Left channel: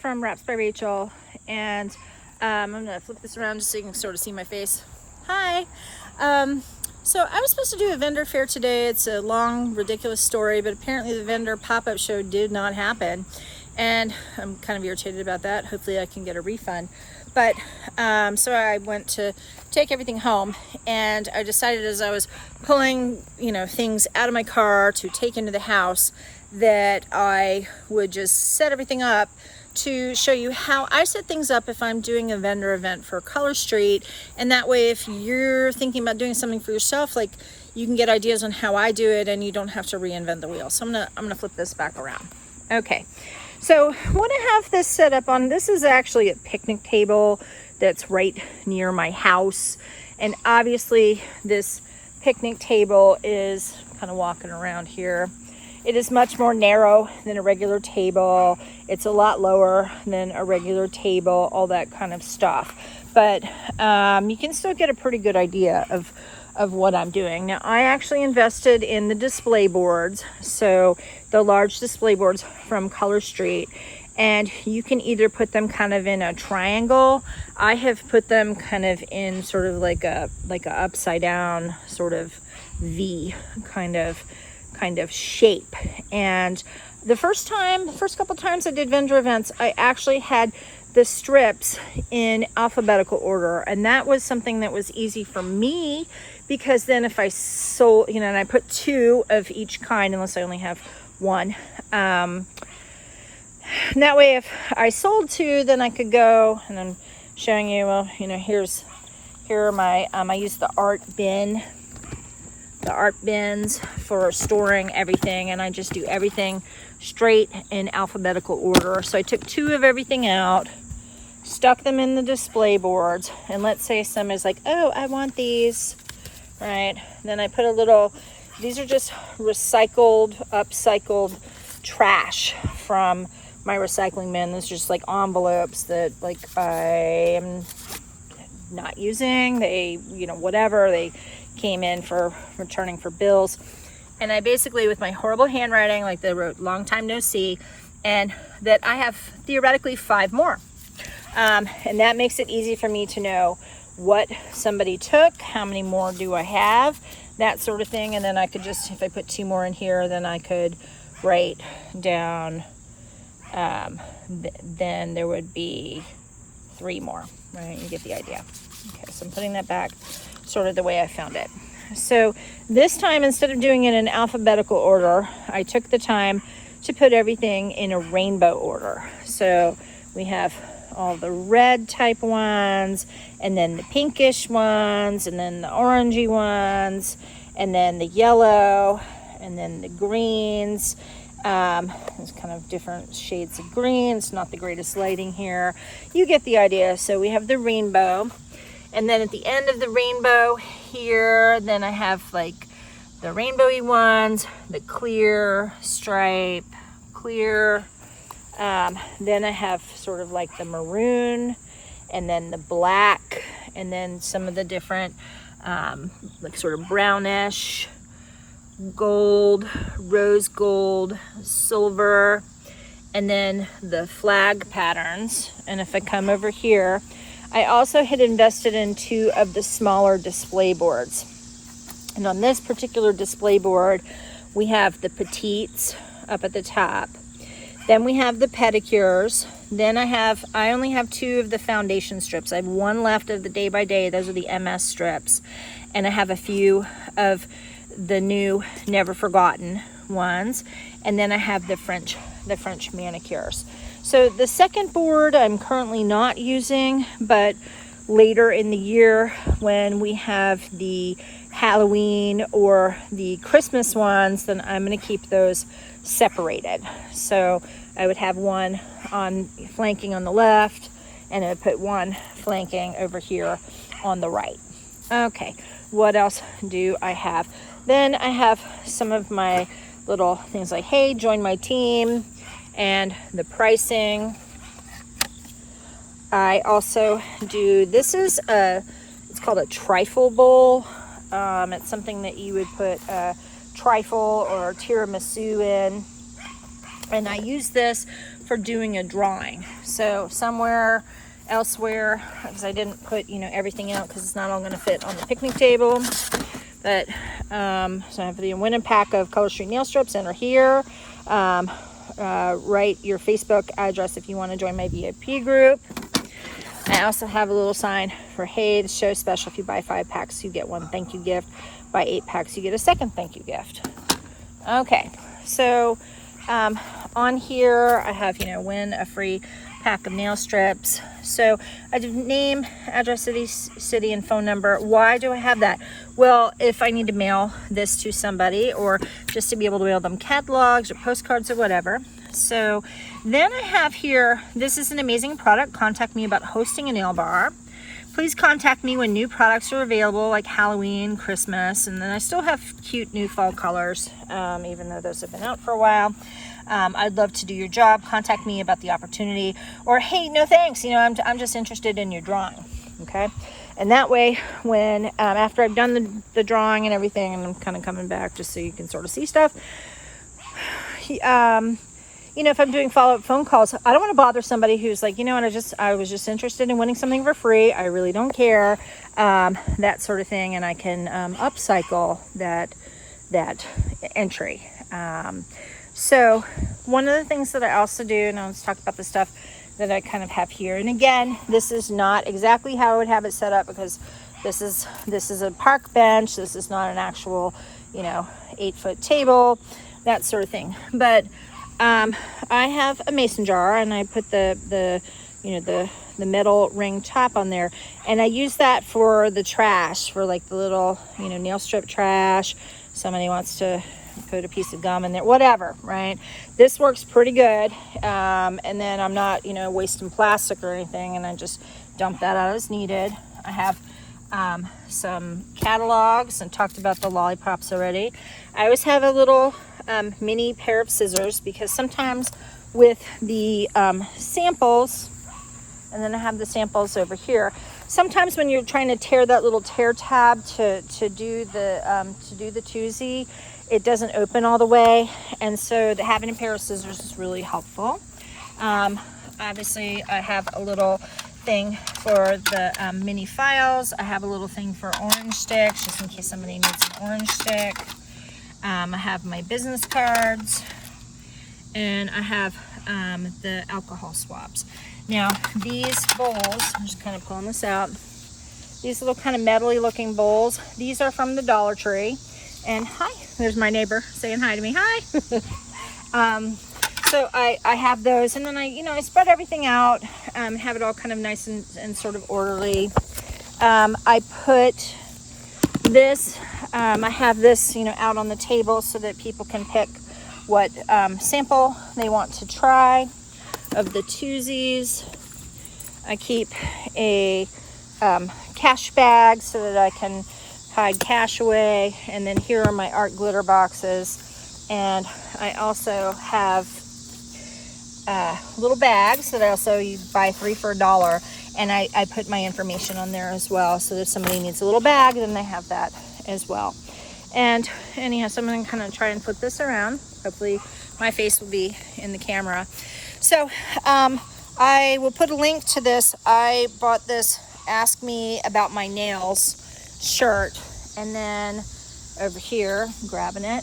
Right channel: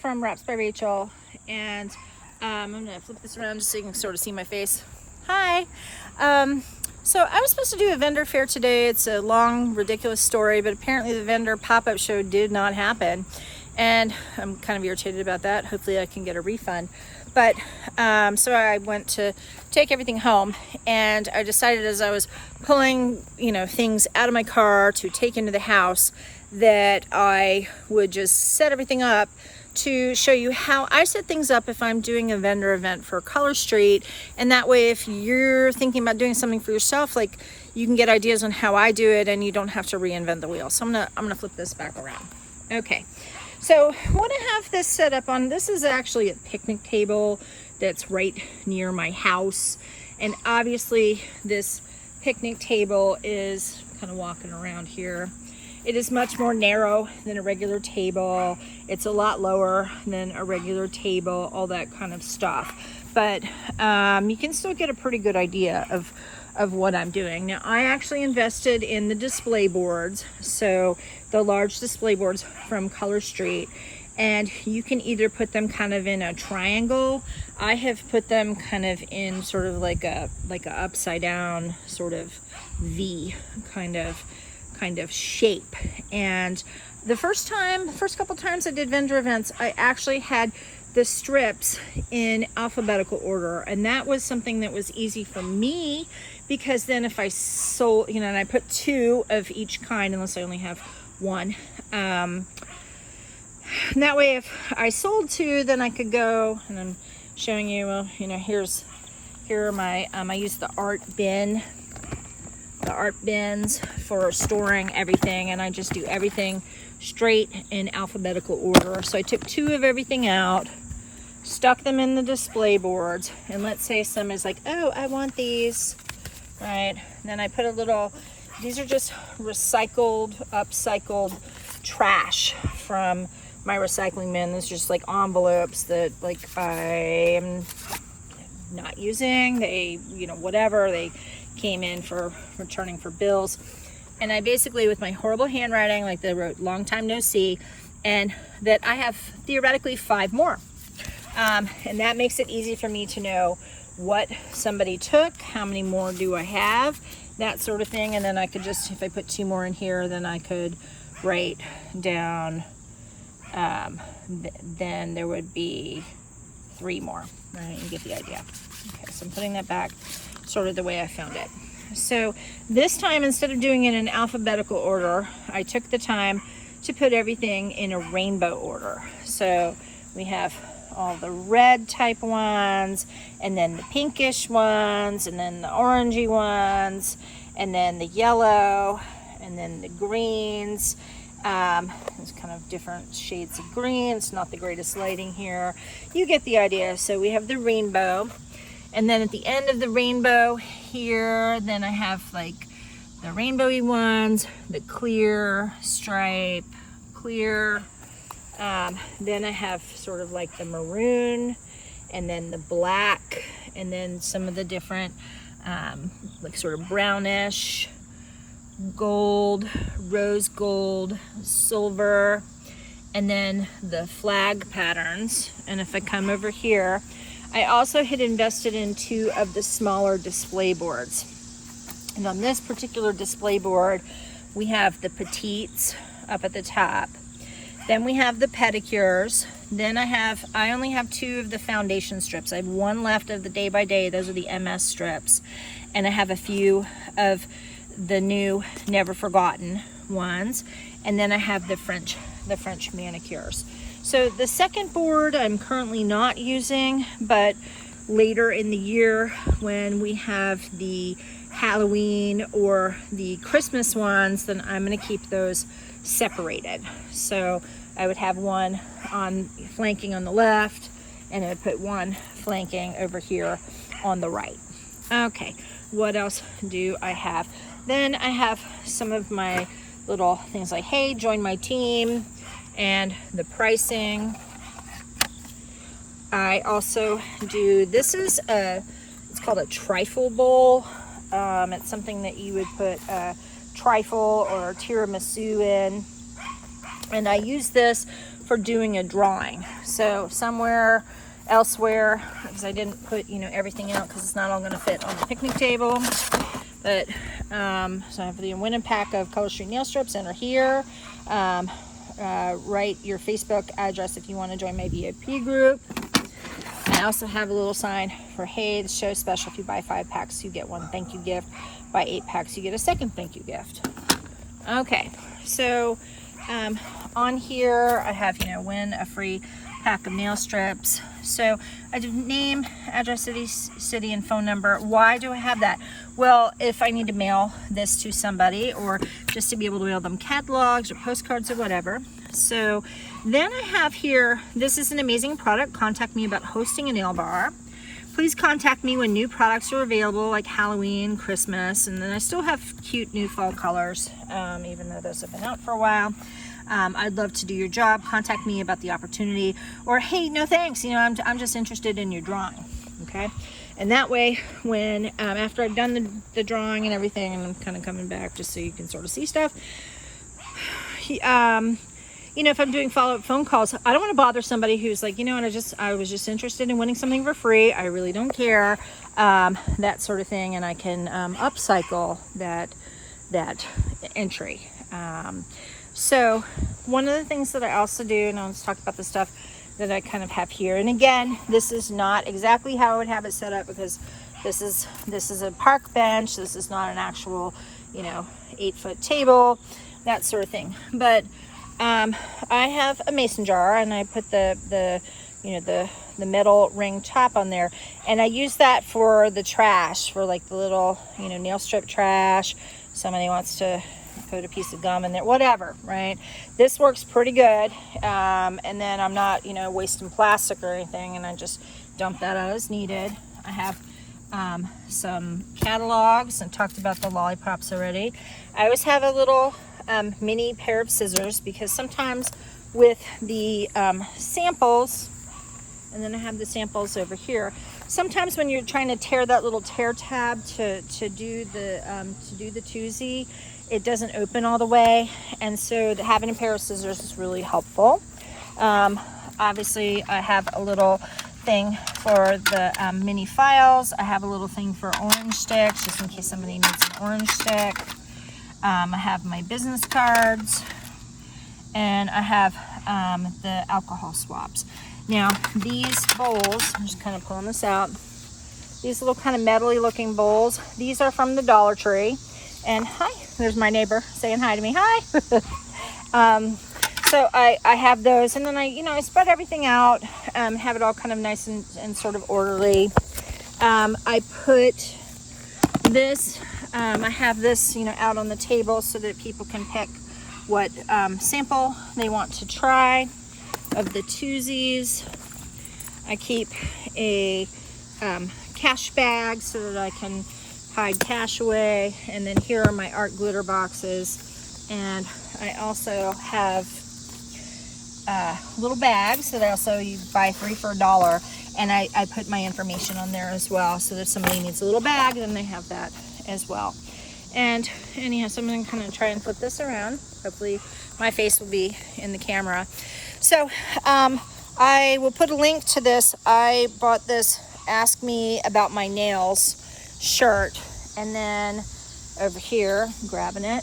from Wraps by Rachel, and I'm gonna flip this around just so you can sort of see my face. Hi. So I was supposed to do a vendor fair today. It's a long, ridiculous story, but apparently the vendor pop-up show did not happen, and I'm kind of irritated about that. Hopefully I can get a refund. But so I went to take everything home, and I decided as I was pulling, things out of my car to take into the house that I would just set everything up to show you how I set things up if I'm doing a vendor event for Color Street. And that way, if you're thinking about doing something for yourself, like, you can get ideas on how I do it and you don't have to reinvent the wheel. So I'm gonna flip this back around. Okay. So what I have this set up on, this is actually a picnic table that's right near my house. And obviously this picnic table is kind of walking around here. It is much more narrow than a regular table. It's a lot lower than a regular table, all that kind of stuff. But you can still get a pretty good idea of what I'm doing. Now, I actually invested in the display boards. So the large display boards from Color Street, and you can either put them kind of in a triangle. I have put them kind of in sort of like a upside down sort of V kind of shape. And the first couple times I did vendor events, I actually had the strips in alphabetical order, and that was something that was easy for me, because then if I sold, and I put 2 of each kind unless I only have 1. That way, if I sold 2, then I could go, and I'm showing you, here are my, I use the art bins for storing everything, and I just do everything straight in alphabetical order. So I took 2 of everything out, stuck them in the display boards, and let's say some is like, oh, I want these, right? Then I put a little, these are just upcycled trash from my recycling bin. These are just like envelopes that I'm not using. They, whatever, they came in for returning for bills. And I basically, with my horrible handwriting, like they wrote long time no see, and that I have theoretically 5 more. And that makes it easy for me to know what somebody took, how many more do I have, that sort of thing. And then I could just, if I put 2 more in here, then I could write down, then there would be 3 more, right? You get the idea. Okay, so I'm putting that back sort of the way I found it. So this time, instead of doing it in alphabetical order, I took the time to put everything in a rainbow order. So we have all the red type ones, and then the pinkish ones, and then the orangey ones, and then the yellow, and then the greens. There's kind of different shades of green. It's not the greatest lighting here. You get the idea. So we have the rainbow, and then at the end of the rainbow here, then I have like the rainbowy ones, the clear stripe, clear. Then I have sort of like the maroon, and then the black, and then some of the different, like sort of brownish, gold, rose gold, silver, and then the flag patterns. And if I come over here, I also had invested in 2 of the smaller display boards. And on this particular display board, we have the petites up at the top. Then we have the pedicures. Then I only have 2 of the foundation strips. I have 1 left of the day by day. Those are the MS strips. And I have a few of the new never forgotten ones. And then I have the French manicures. So the second board I'm currently not using, but later in the year when we have the Halloween or the Christmas ones, then I'm going to keep those separated. So I would have one flanking on the left, and I would put one flanking over here on the right. Okay, what else do I have? Then I have some of my little things like, hey, join my team, and the pricing. I also do, it's called a trifle bowl. It's something that you would put trifle or tiramisu in. And I use this for doing a drawing. So somewhere elsewhere, because I didn't put, you know, everything out because it's not all going to fit on the picnic table. But so I have the winning pack of Color Street nail strips enter here. Write your Facebook address if you want to join my VIP group. I also have a little sign for, hey, the show's special. If you buy 5 packs, you get 1 thank you gift. Buy 8 packs, you get a second thank you gift. Okay, so on here I have, you know, win a free pack of nail strips. So I do name, address, city, and phone number. Why do I have that? Well, if I need to mail this to somebody, or just to be able to mail them catalogs or postcards or whatever. So then I have here, this is an amazing product. Contact me about hosting a nail bar. Please contact me when new products are available, like Halloween, Christmas, and then I still have cute new fall colors, even though those have been out for a while. I'd love to do your job. Contact me about the opportunity, or hey, no thanks, you know, I'm just interested in your drawing. Okay, and that way, when after I've done the drawing and everything, and I'm kind of coming back just so you can sort of see stuff. You know, if I'm doing follow-up phone calls, I don't want to bother somebody who's like, you know what, I was just interested in winning something for free. I really don't care, that sort of thing, and I can upcycle that entry. So one of the things that I also do, and I'll just talk about the stuff that I kind of have here. And again, this is not exactly how I would have it set up, because this is a park bench. This is not an actual, you know, 8-foot table, that sort of thing. But I have a mason jar, and I put the metal ring top on there, and I use that for the trash, for like the little, you know, nail strip trash. Somebody wants to put a piece of gum in there, whatever, right? This works pretty good. And then I'm not, you know, wasting plastic or anything, and I just dump that out as needed. I have some catalogs, and talked about the lollipops already. I always have a little mini pair of scissors, because sometimes with the samples, and then I have the samples over here, sometimes when you're trying to tear that little tear tab to do the toozy, it doesn't open all the way, and so having a pair of scissors is really helpful. Obviously I have a little thing for the mini files. I have a little thing for orange sticks, just in case somebody needs an orange stick. I have my business cards, and I have the alcohol swabs. Now these bowls, I'm just kind of pulling this out, these little kind of metally looking bowls, these are from the Dollar Tree. And hi, there's my neighbor saying hi to me. Hi. So I have those, and then I spread everything out, have it all kind of nice and sort of orderly. I put this, I have this, out on the table so that people can pick what sample they want to try of the twosies. I keep a cash bag so that I can hide cash away, and then here are my art glitter boxes, and I also have little bags that you buy 3 for $1, and I put my information on there as well, so if somebody needs a little bag, then they have that as well. And anyhow, so I'm going to kind of try and flip this around. Hopefully my face will be in the camera. So I will put a link to this. I bought this Ask Me About My Nails shirt, and then over here, grabbing it,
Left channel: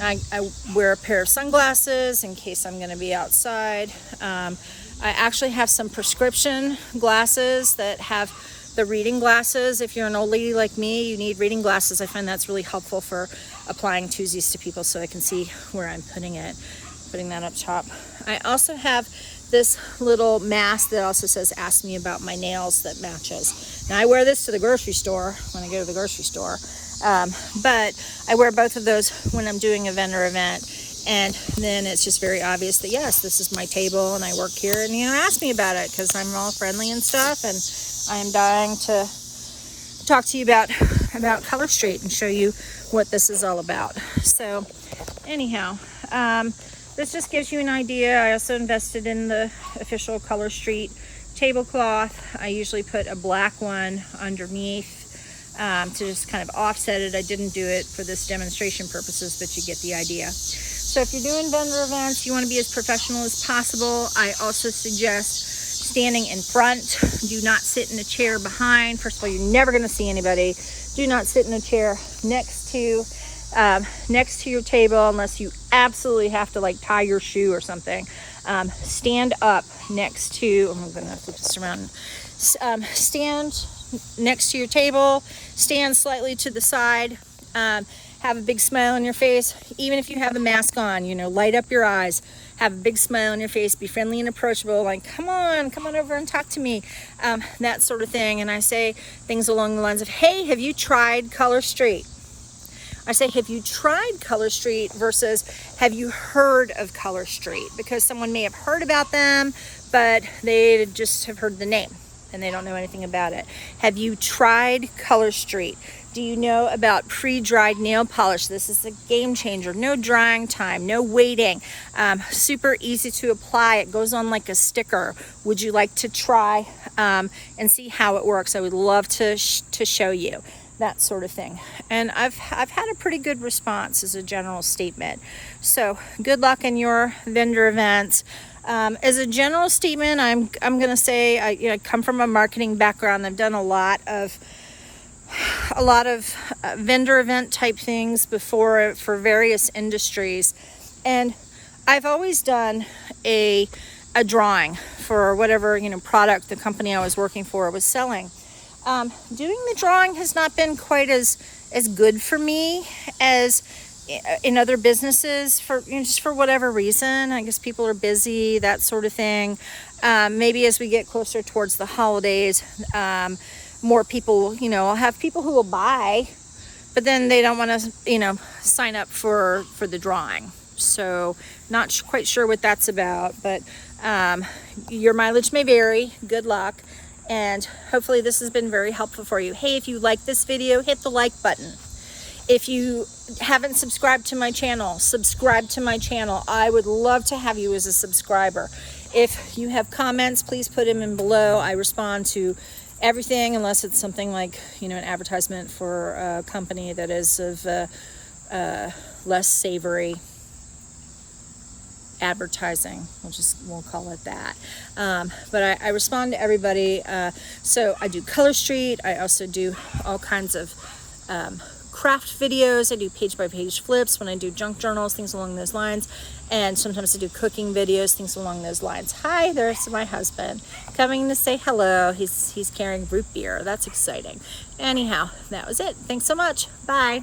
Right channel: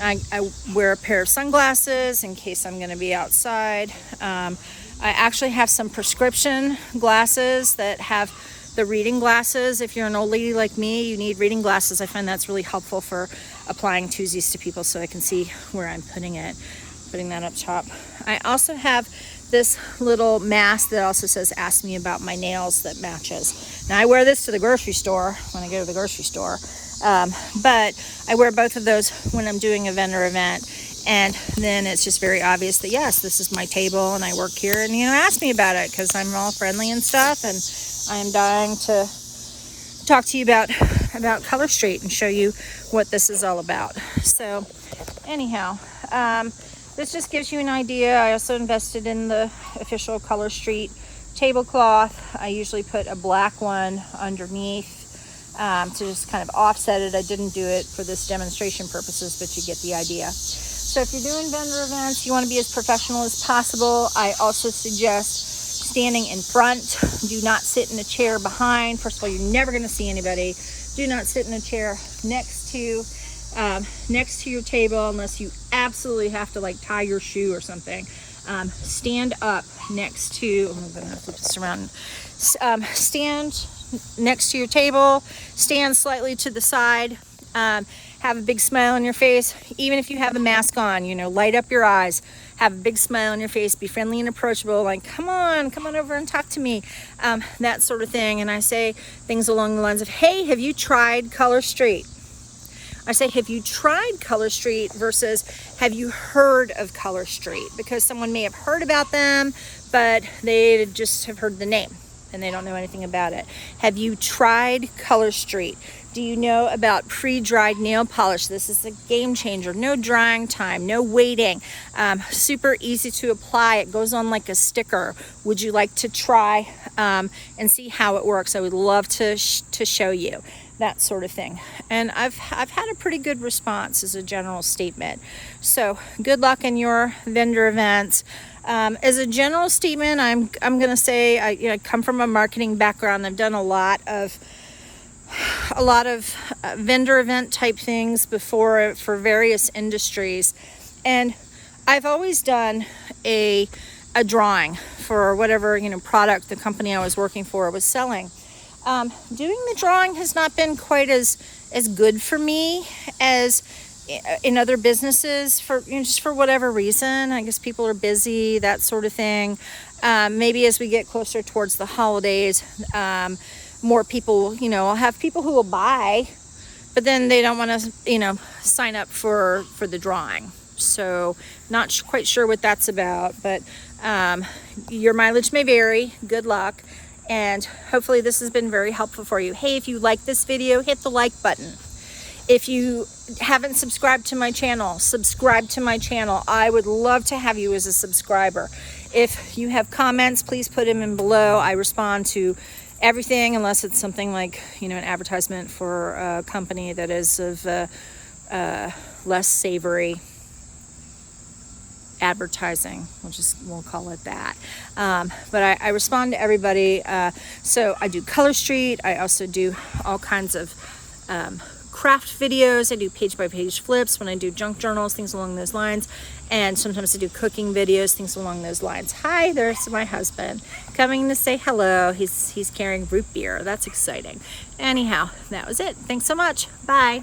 I wear a pair of sunglasses in case I'm going to be outside. I actually have some prescription glasses that have the reading glasses. If you're an old lady like me, you need reading glasses. I find that's really helpful for applying twosies to people, so I can see where I'm putting it. Putting that up top. I also have this little mask that also says Ask Me About My Nails that matches. Now I wear this to the grocery store when I go to the grocery store, but I wear both of those when I'm doing a vendor event, and then it's just very obvious that yes, this is my table and I work here, and ask me about it, because I'm all friendly and stuff, and I am dying to talk to you about Color Street and show you what this is all about. So anyhow, this just gives you an idea. I also invested in the official Color Street tablecloth. I usually put a black one underneath to just kind of offset it. I didn't do it for this demonstration purposes, but you get the idea. So if you're doing vendor events, you want to be as professional as possible. I also suggest standing in front. Do not sit in a chair behind. First of all, you're never going to see anybody. Do not sit in a chair next to your table unless you absolutely have to like tie your shoe or something. Stand up next to, I'm going to flip this around. Stand next to your table. Stand slightly to the side. Have a big smile on your face. Even if you have the mask on, you know, light up your eyes. Have a big smile on your face. Be friendly and approachable. Like, come on over and talk to me. That sort of thing. And I say things along the lines of, hey, have you tried Color Street? I say, have you tried Color Street versus have you heard of Color Street? Because someone may have heard about them, but they just have heard the name and they don't know anything about it. Have you tried Color Street? Do you know about pre-dried nail polish? This is a game changer. No drying time, no waiting. Super easy to apply. It goes on like a sticker. Would you like to try and see how it works? I would love to show you. That sort of thing. And I've had a pretty good response as a general statement. So good luck in your vendor events. As a general statement, I'm going to say I come from a marketing background. I've done a lot of vendor event type things before for various industries, and I've always done a drawing for whatever product the company I was working for was selling. Doing the drawing has not been quite as good for me as in other businesses for just for whatever reason. I guess people are busy, that sort of thing. Maybe as we get closer towards the holidays, more people, I'll have people who will buy, but then they don't want to, sign up for the drawing. So not quite sure what that's about, but your mileage may vary. Good luck. And hopefully this has been very helpful for you. Hey, if you like this video, hit the like button. If you haven't subscribed to my channel, subscribe to my channel. I would love to have you as a subscriber. If you have comments, please put them in below. I respond to everything unless it's something like, an advertisement for a company that is of less savory advertising. We'll call it that. But I respond to everybody. So I do Color Street. I also do all kinds of craft videos. I do page-by-page flips when I do junk journals, things along those lines. And sometimes I do cooking videos, things along those lines. Hi, there's my husband coming to say hello. He's carrying root beer. That's exciting. Anyhow, that was it. Thanks so much. Bye.